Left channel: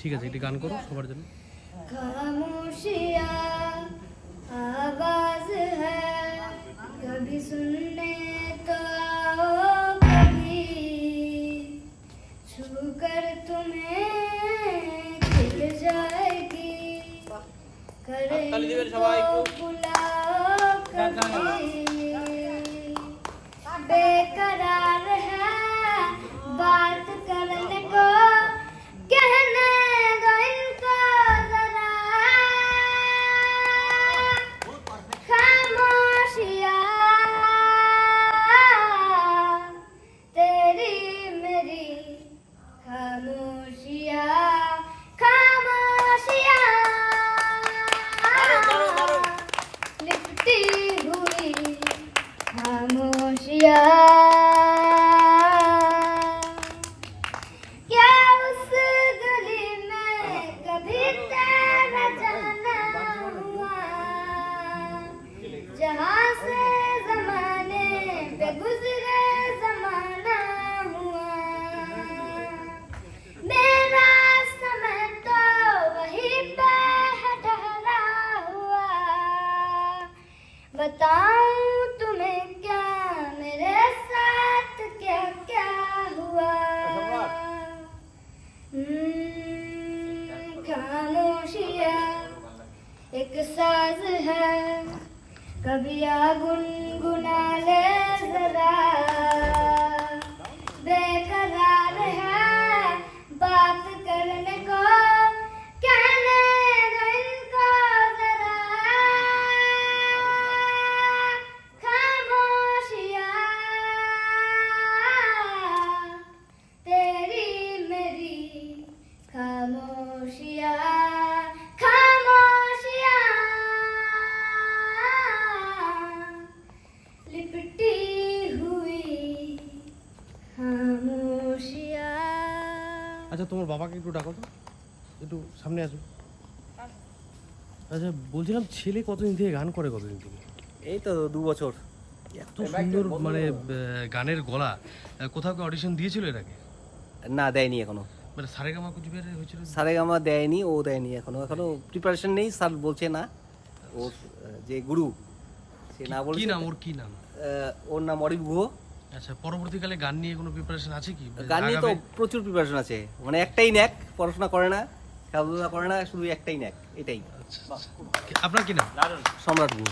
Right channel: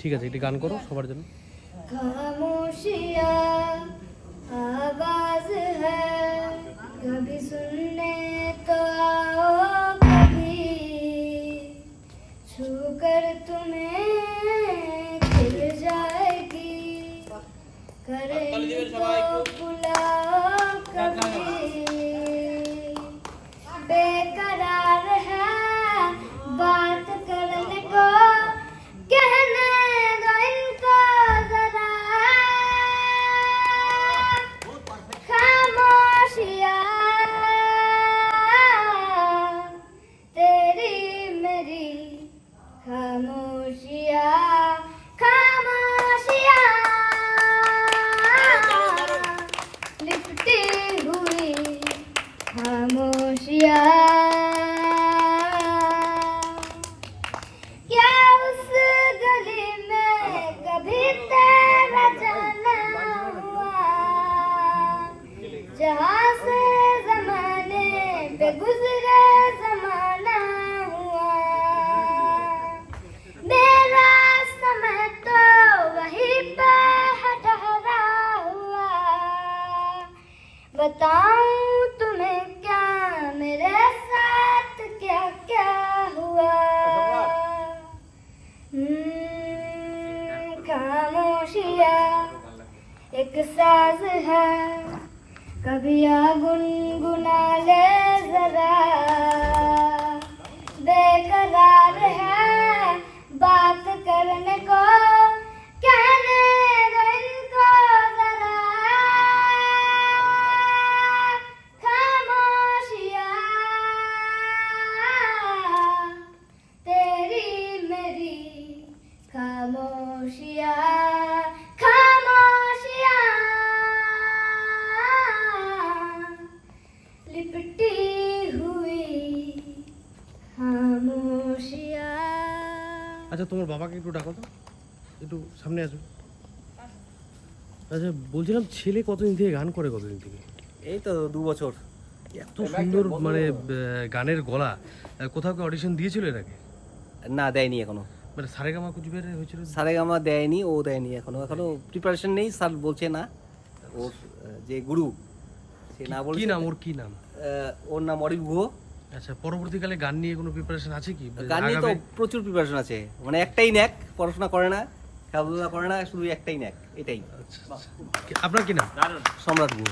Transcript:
ঠিক আছে একটি গান করো সবার জন্য। খামোশি खामोशिया खामोशिया लिपटी हुई खामोशिया क्या उस गली में कभी तेरा जाना हुआ जहाँ से जमाने पे गुजरे बताऊँ तुम्हें क्या? मेरे साथ क्या क्या हुआ? हम्म, खामोशिया एक साज है। कभी आ আচ্ছা তোমার বাবাকে একটু ডাকো তো। একটু সামনে আসো। আচ্ছা বলছিলাম ছেলে কতদিন থেকে গান করে কতদিন থেকে? এই তো দু বছর। এত সুন্দর মানে গানের গলা। কোথাও কি অডিশন দিয়েছিল এর আগে? না দেয়নি এখনও। মানে সারেগামা কুচবিহারে হয়েছিল? সারেগামা দেয়নি ও দেয়নি এখনও। এখনও প্রিপারেশন নেই স্যার বলছে না। ওর যে গুরু সে না কি নাম ওর কি নাম? ওর নাম অরিপ গুহ। আচ্ছা পরবর্তীকালে গান নিয়ে কোনো প্রিপারেশন আছে কি? গান নিয়ে তো প্রচুর প্রিপারেশন আছে। মানে একটাই ন্যাক পড়াশোনা করে না খেলাধুলা করে না শুধু একটাই ন্যাক এটাই। আচ্ছা, আচ্ছা। আপনার কি নাম? সম্রাট গুহ।